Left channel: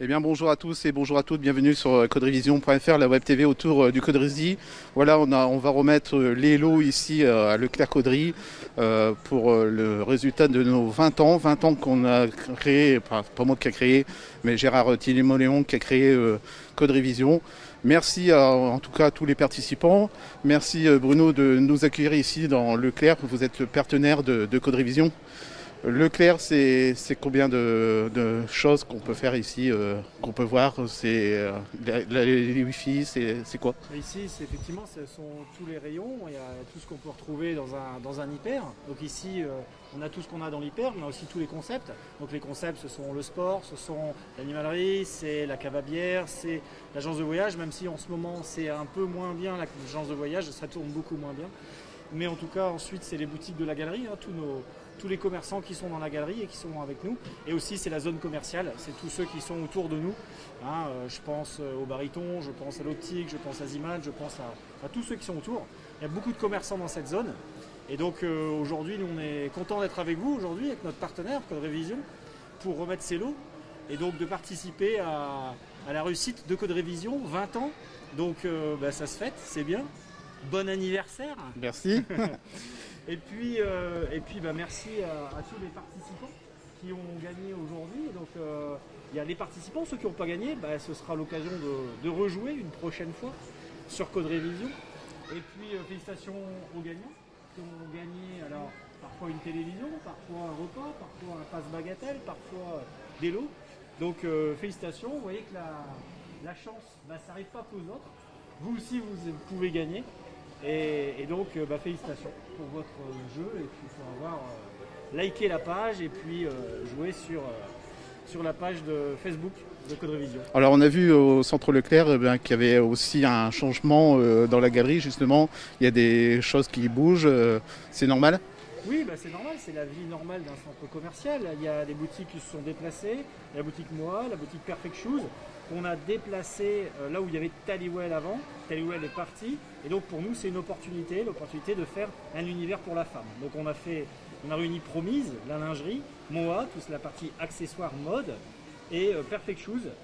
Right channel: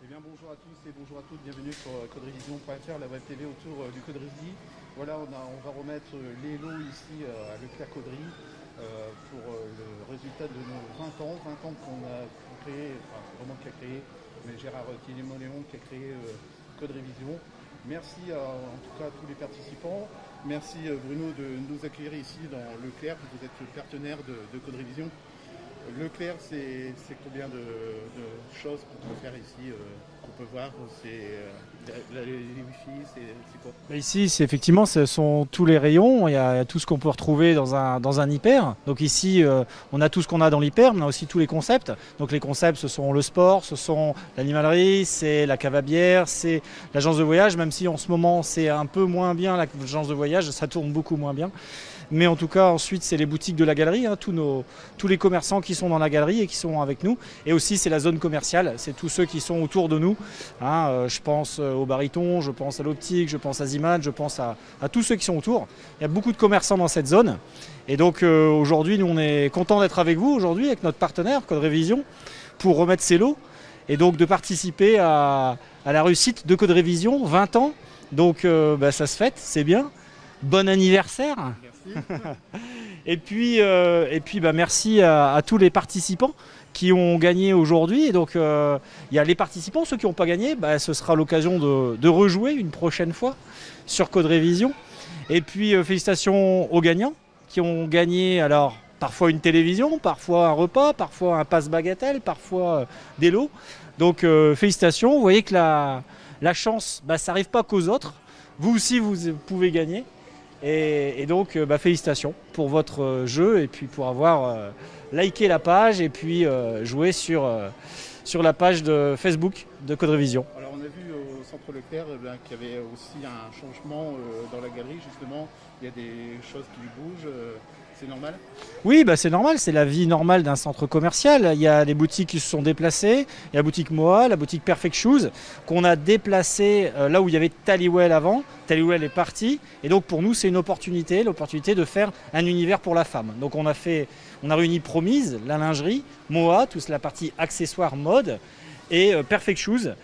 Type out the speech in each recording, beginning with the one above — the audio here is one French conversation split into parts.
Eh bien bonjour à tous et bonjour à toutes, bienvenue sur coderevision.fr, la web TV autour du Coderisy. Voilà, on va remettre les lots ici à Leclerc Coderie pour le résultat de nos 20 ans qu'on a créé, pas moi qui a créé, mais Gérard Tilly-Moléon qui a créé Coderevision. Merci en tout cas à tous les participants. Merci Bruno de nous accueillir ici dans Leclerc, vous êtes le partenaire de Coderevision. Leclerc, c'est combien de choses qu'on peut faire ici, qu'on peut voir? C'est les Wi-Fi, c'est quoi? Ici, effectivement, ce sont tous les rayons. Il y a tout ce qu'on peut retrouver dans un hyper. Donc ici, on a tout ce qu'on a dans l'hyper, mais on a aussi tous les concepts. Donc les concepts, ce sont le sport, ce sont l'animalerie, c'est la cave à bière, c'est l'agence de voyage, même si en ce moment, c'est un peu moins bien l'agence de voyage, ça tourne beaucoup moins bien. Mais en tout cas, ensuite, c'est les boutiques de la galerie, hein, tous les commerçants qui sont dans la galerie et qui sont avec nous. Et aussi, c'est la zone commerciale, c'est tous ceux qui sont autour de nous. Hein, je pense au baryton, je pense à l'optique, je pense à Zimad, je pense à tous ceux qui sont autour. Il y a beaucoup de commerçants dans cette zone. Et donc aujourd'hui, nous, on est contents d'être avec vous aujourd'hui, avec notre partenaire, Coderevision, pour remettre ces lots et donc de participer à la réussite de Coderevision, 20 ans. Donc ça se fête, c'est bien. Bon anniversaire. Merci. Et puis merci à tous les participants qui ont gagné aujourd'hui. Et donc il y a les participants, ceux qui n'ont pas gagné, ce sera l'occasion de rejouer une prochaine fois sur Coderevision. Et puis félicitations aux gagnants qui ont gagné alors parfois une télévision, parfois un repas, parfois un passe bagatelle, parfois des lots. Donc félicitations, vous voyez que la chance, ça n'arrive pas qu'aux autres. Vous aussi, vous pouvez gagner. Et donc, félicitations pour votre jeu et puis pour avoir liké la page et puis joué sur la page de Facebook de Coderevision. Alors on a vu au centre Leclerc qu'il y avait aussi un changement dans la galerie justement. Il y a des choses qui bougent, c'est normal? Oui, c'est normal, c'est la vie normale d'un centre commercial. Il y a des boutiques qui se sont déplacées. Il y a la boutique Moa, la boutique Perfect Shoes, qu'on a déplacée là où il y avait Tallywell avant. Tallywell est parti. Et donc pour nous, c'est l'opportunité de faire un univers pour la femme. Donc on a réuni Promise, la lingerie, Moa, toute la partie accessoires mode, et Perfect Shoes,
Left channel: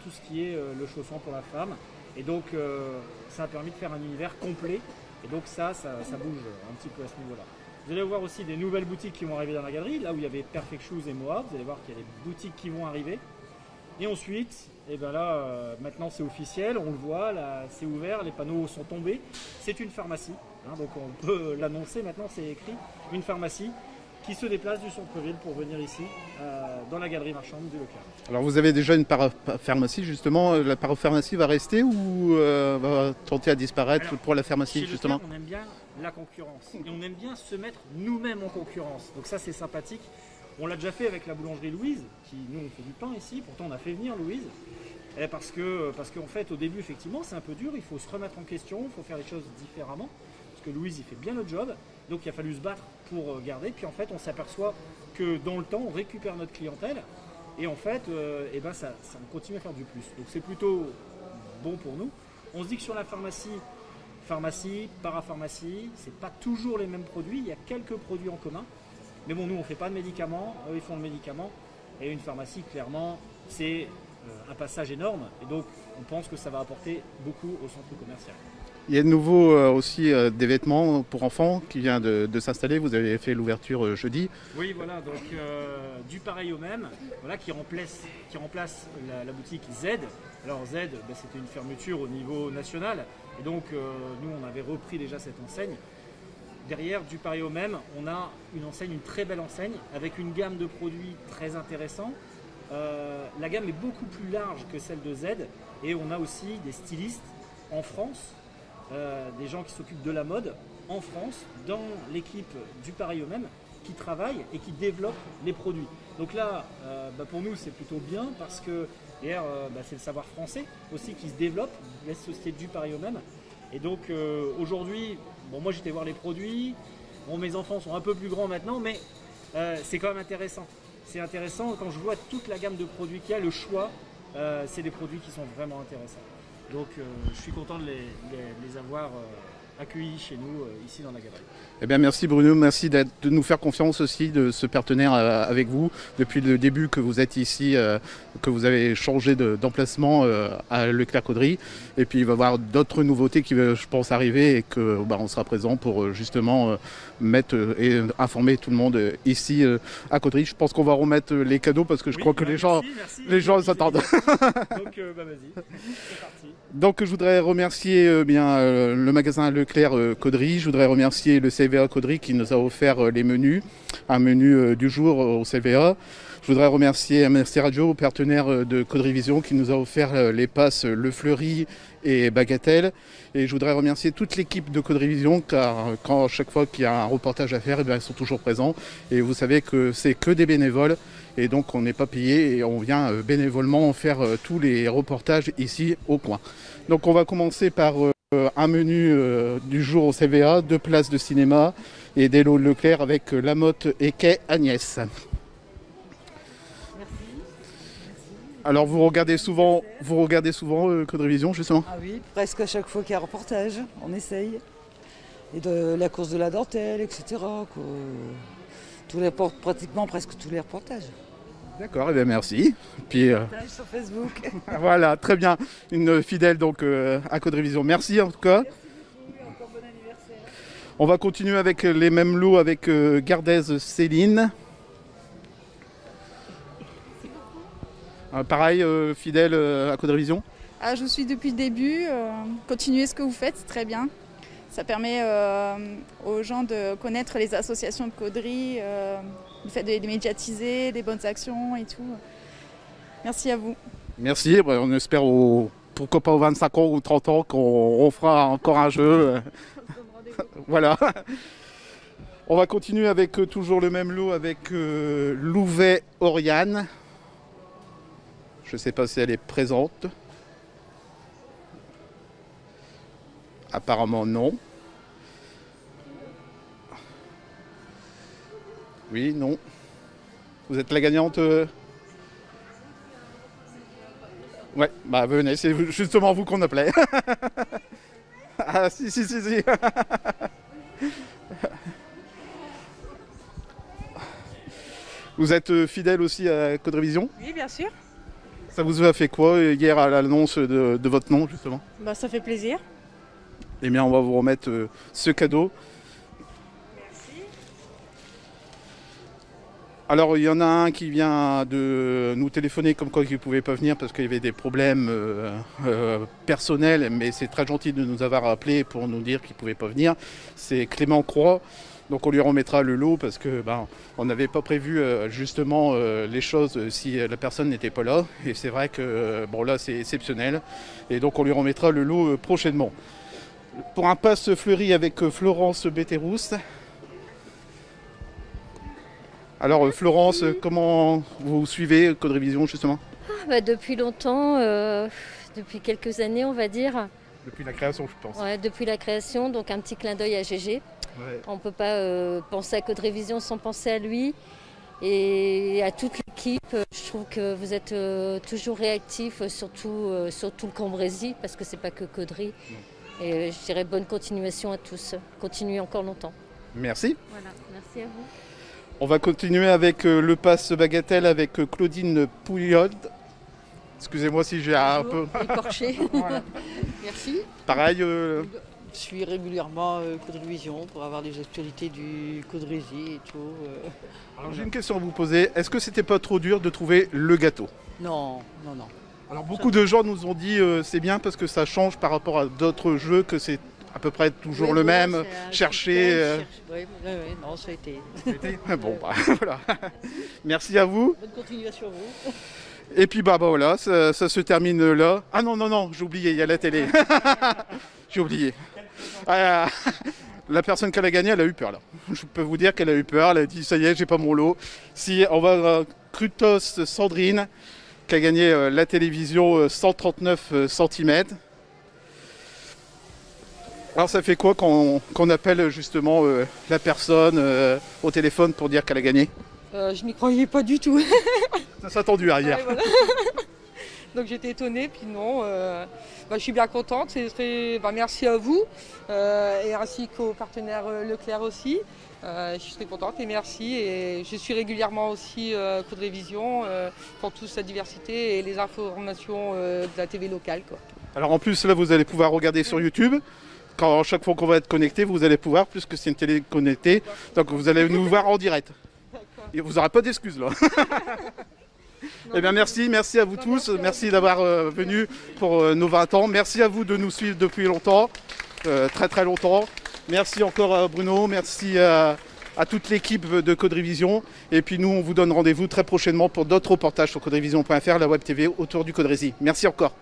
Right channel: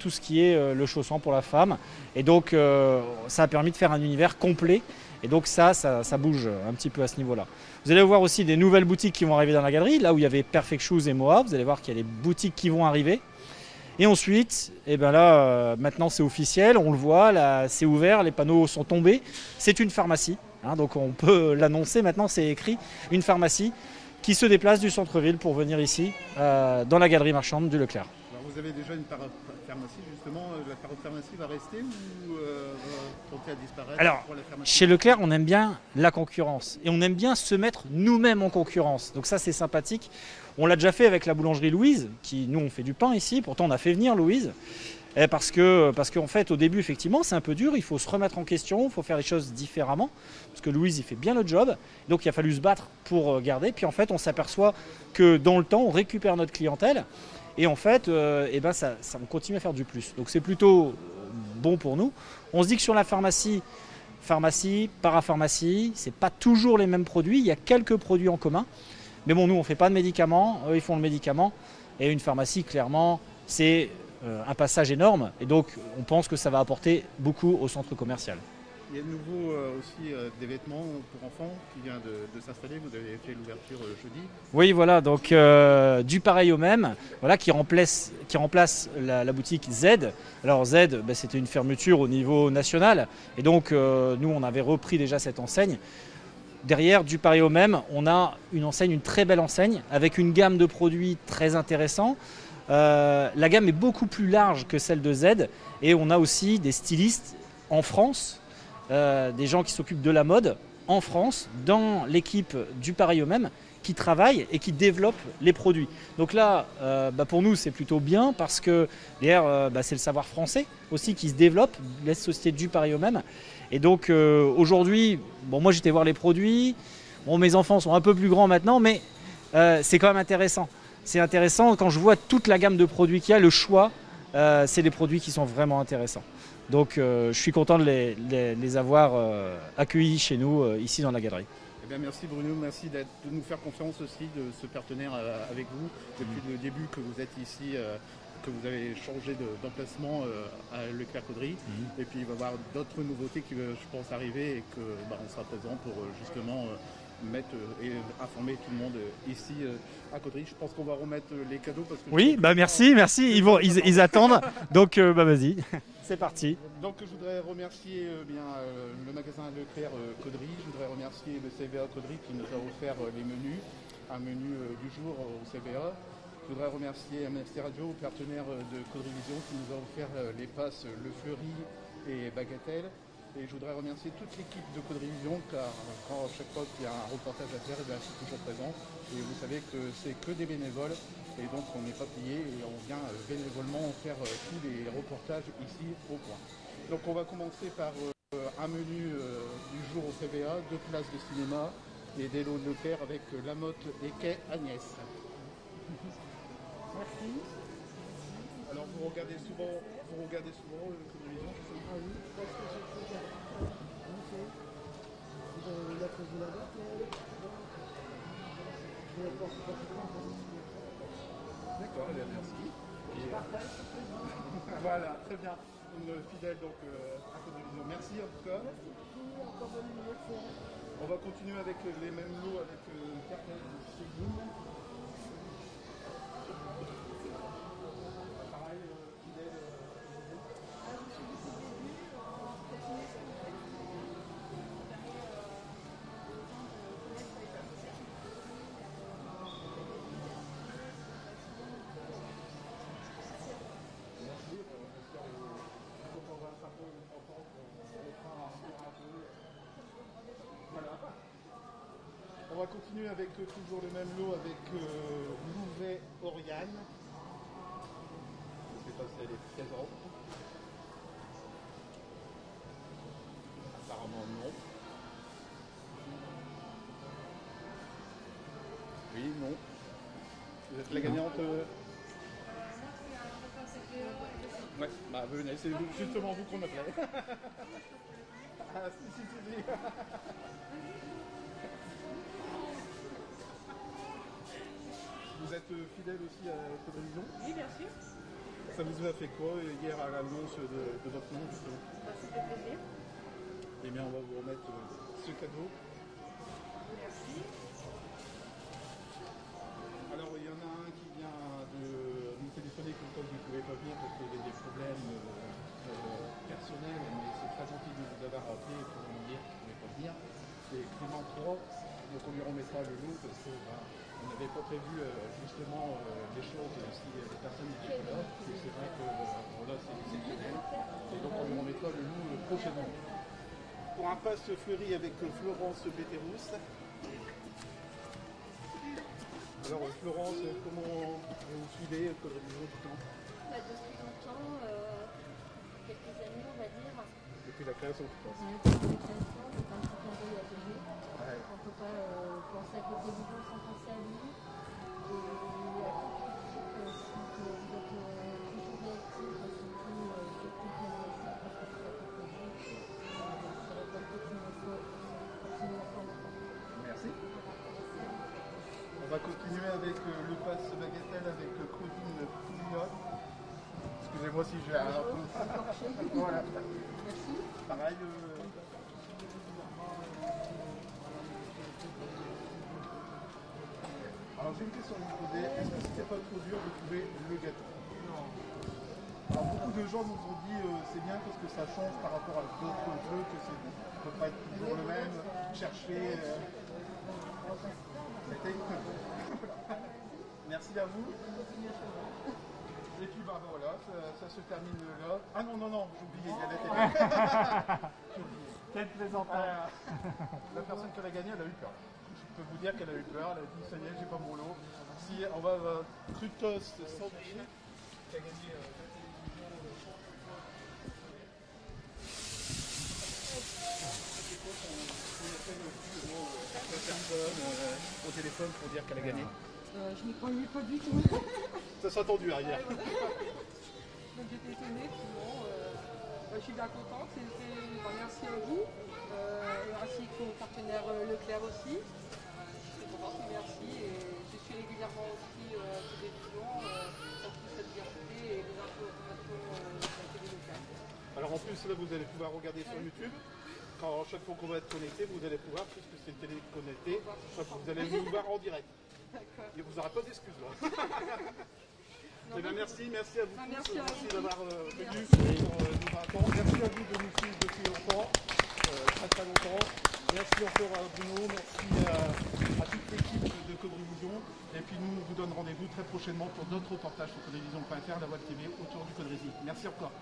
tout ce qui est le chausson pour la femme. Et donc ça a permis de faire un univers complet. Et donc ça bouge un petit peu à ce niveau-là. Vous allez voir aussi des nouvelles boutiques qui vont arriver dans la galerie. Là où il y avait Perfect Shoes et Moa, vous allez voir qu'il y a des boutiques qui vont arriver. Et ensuite, maintenant c'est officiel, on le voit, là c'est ouvert, les panneaux sont tombés. C'est une pharmacie, hein, donc on peut l'annoncer maintenant, c'est écrit, une pharmacie qui se déplace du centre-ville pour venir ici, dans la galerie marchande du Leclerc. Alors vous avez déjà une parapharmacie justement, la parapharmacie va rester ou va tenter à disparaître? Alors, pour la pharmacie? chez Leclerc, on aime bien la concurrence et on aime bien se mettre nous-mêmes en concurrence. Donc ça c'est sympathique. On l'a déjà fait avec la boulangerie Louise, qui nous on fait du pain ici, pourtant on a fait venir Louise. Parce qu'en fait au début effectivement c'est un peu dur, il faut se remettre en question, il faut faire les choses différemment, parce que Louise il fait bien le job, donc il a fallu se battre pour garder, puis en fait on s'aperçoit que dans le temps on récupère notre clientèle, et en fait on continue à faire du plus, donc c'est plutôt bon pour nous. On se dit que sur la pharmacie, parapharmacie, c'est pas toujours les mêmes produits, il y a quelques produits en commun, mais bon nous on fait pas de médicaments, eux ils font le médicament, et une pharmacie clairement c'est un passage énorme et donc on pense que ça va apporter beaucoup au centre commercial. Il y a de nouveau aussi des vêtements pour enfants qui vient de s'installer. Vous avez fait l'ouverture jeudi. Oui, voilà, donc du pareil au même, voilà, qui remplace la boutique Z. Alors Z, c'était une fermeture au niveau national et donc nous on avait repris déjà cette enseigne. Derrière, du pareil au même, on a une enseigne, une très belle enseigne avec une gamme de produits très intéressants. La gamme est beaucoup plus large que celle de Z et on a aussi des stylistes en France, des gens qui s'occupent de la mode en France, dans l'équipe du pareil au même, qui travaillent et qui développent les produits. Donc là, pour nous, c'est plutôt bien parce que derrière, c'est le savoir français aussi qui se développe, la société du pareil au même. Et donc aujourd'hui, moi j'étais voir les produits, mes enfants sont un peu plus grands maintenant, mais c'est quand même intéressant. C'est intéressant quand je vois toute la gamme de produits qu'il y a, le choix, c'est des produits qui sont vraiment intéressants. Donc je suis content de les avoir accueillis chez nous, ici dans la galerie. Eh bien, merci Bruno, merci de nous faire confiance aussi, de ce partenaire avec vous depuis le début que vous êtes ici, que vous avez changé d'emplacement à Leclerc-Caudry. Et puis il va y avoir d'autres nouveautés qui, je pense, arriver et qu'on sera présent pour justement mettre et informer tout le monde ici à Caudry. Je pense qu'on va remettre les cadeaux parce que je crois que les gens... Merci, ils attendent. Donc vas-y, c'est parti. Donc je voudrais remercier le magasin Leclerc Caudry, je voudrais remercier le CVA Caudry qui nous a offert les menus, un menu du jour au CVA. Je voudrais remercier MRC Radio, partenaire de Caudry Vision, qui nous a offert les passes Le Fleury et Bagatelle. Et je voudrais remercier toute l'équipe de Caudry Vision, car quand chaque fois qu'il y a un reportage à faire, ils sont toujours présents. Et vous savez que c'est que des bénévoles. Et donc on n'est pas payé et on vient bénévolement faire tous les reportages ici au coin. Donc on va commencer par un menu du jour au CVA, 2 places de cinéma et des lots Leclerc avec Lamotte et Quai Agnès. Alors vous regardez souvent Caudry Vision justement? Ah oui, presque à chaque fois qu'il y a un reportage, on essaye. Et de la course de la dentelle, etc. Pratiquement presque tous les reportages. D'accord, et bien merci. Puis, Sur Facebook. voilà, très bien. Une fidèle donc à Caudry Vision. Merci en tout cas. Encore bon anniversaire. On va continuer avec les mêmes lots avec Gardez Céline. Pareil, fidèle à Caudry Vision. Ah, je vous suis depuis le début. Continuez ce que vous faites, c'est très bien. Ça permet aux gens de connaître les associations de Caudry, le fait de les médiatiser, des bonnes actions et tout. Merci à vous. Merci, on espère pourquoi pas aux 25 ans ou 30 ans qu'on fera encore un jeu. Voilà. On va continuer avec toujours le même lot avec Louvet Oriane. Je ne sais pas si elle est présente. Apparemment non. Oui, non. Vous êtes la gagnante Ouais, bah venez, c'est justement vous qu'on appelait. Ah si. Vous êtes fidèle aussi à Caudry Vision? Oui, bien sûr. Ça vous a fait quoi hier à l'annonce de votre nom justement? Bah, ça fait plaisir. Eh bien, on va vous remettre ce cadeau. Merci. Alors, il y en a un qui vient de nous téléphoner comme quoi il ne pouvait pas venir parce qu'il y avait des problèmes personnels, mais c'est très gentil de nous avoir appelé pour nous dire qu'il ne pouvait pas venir. C'est Clément Croix. Donc on lui remettra le lot parce que on n'avait pas prévu justement les choses si la personne n'était pas là. Et c'est vrai que là c'est exceptionnel. Et donc on lui remettra le lot prochainement. Pour un pass Fleury avec Florence Betterousse. Alors Florence, comment vous suivez Caudry Vision justement? Depuis longtemps, depuis quelques années on va dire. Depuis la création je pense. Ouais, depuis la création, donc un petit clin d'œil à GG. Ouais. On ne peut pas penser à Caudry Vision sans penser à lui et à toute l'équipe. Je trouve que vous êtes toujours réactifs, surtout le Cambrésis, parce que c'est pas que Caudry. Et je dirais bonne continuation à tous. Continuez encore longtemps. Merci. Voilà, merci à vous. On va continuer avec le pass Bagatelle avec Claudine Pouillod. Excusez-moi si j'ai un peu... Écorché. Voilà. Merci. Pareil. Je suis régulièrement Caudry Vision pour avoir des actualités du Caudrésie et tout. Alors j'ai une question à vous poser. Est-ce que c'était pas trop dur de trouver le gâteau? Non. Alors beaucoup de gens nous ont dit c'est bien parce que ça change par rapport à d'autres jeux, que c'est à peu près toujours le même, chercher... Oui, non, ça a été. Bon, voilà. Merci à vous. Bonne continuation à vous. Et puis voilà, ça se termine là. Ah non, j'ai oublié, il y a la télé. J'ai oublié. La personne qui a gagné, elle a eu peur là. Je peux vous dire qu'elle a eu peur, elle a dit ça y est, j'ai pas mon lot. Si on va Crutos Sandrine, qui a gagné la télévision 139 cm. Alors ça fait quoi qu'on appelle justement la personne au téléphone pour dire qu'elle a gagné? Je n'y croyais pas du tout. Ça s'est attendu hier. Ouais, voilà. Donc j'étais étonnée, puis non. je suis bien contente. Merci à vous et ainsi qu'aux partenaires Leclerc aussi. Je suis très contente et merci. Et je suis régulièrement aussi Code Révision pour toute cette diversité et les informations de la TV locale, quoi. Alors en plus, là, vous allez pouvoir regarder sur YouTube. Chaque fois qu'on va être connecté, vous allez pouvoir, puisque c'est une télé connectée, donc vous allez nous voir en direct. Et vous n'aurez pas d'excuses là. Eh bien merci à vous tous, merci d'avoir venu pour nos 20 ans. Merci à vous de nous suivre depuis longtemps, très longtemps. Merci encore à Bruno, merci à toute l'équipe de Code Révision. Et puis nous, on vous donne rendez-vous très prochainement pour d'autres reportages sur coderevision.fr, la web TV autour du Code Rési. Merci encore.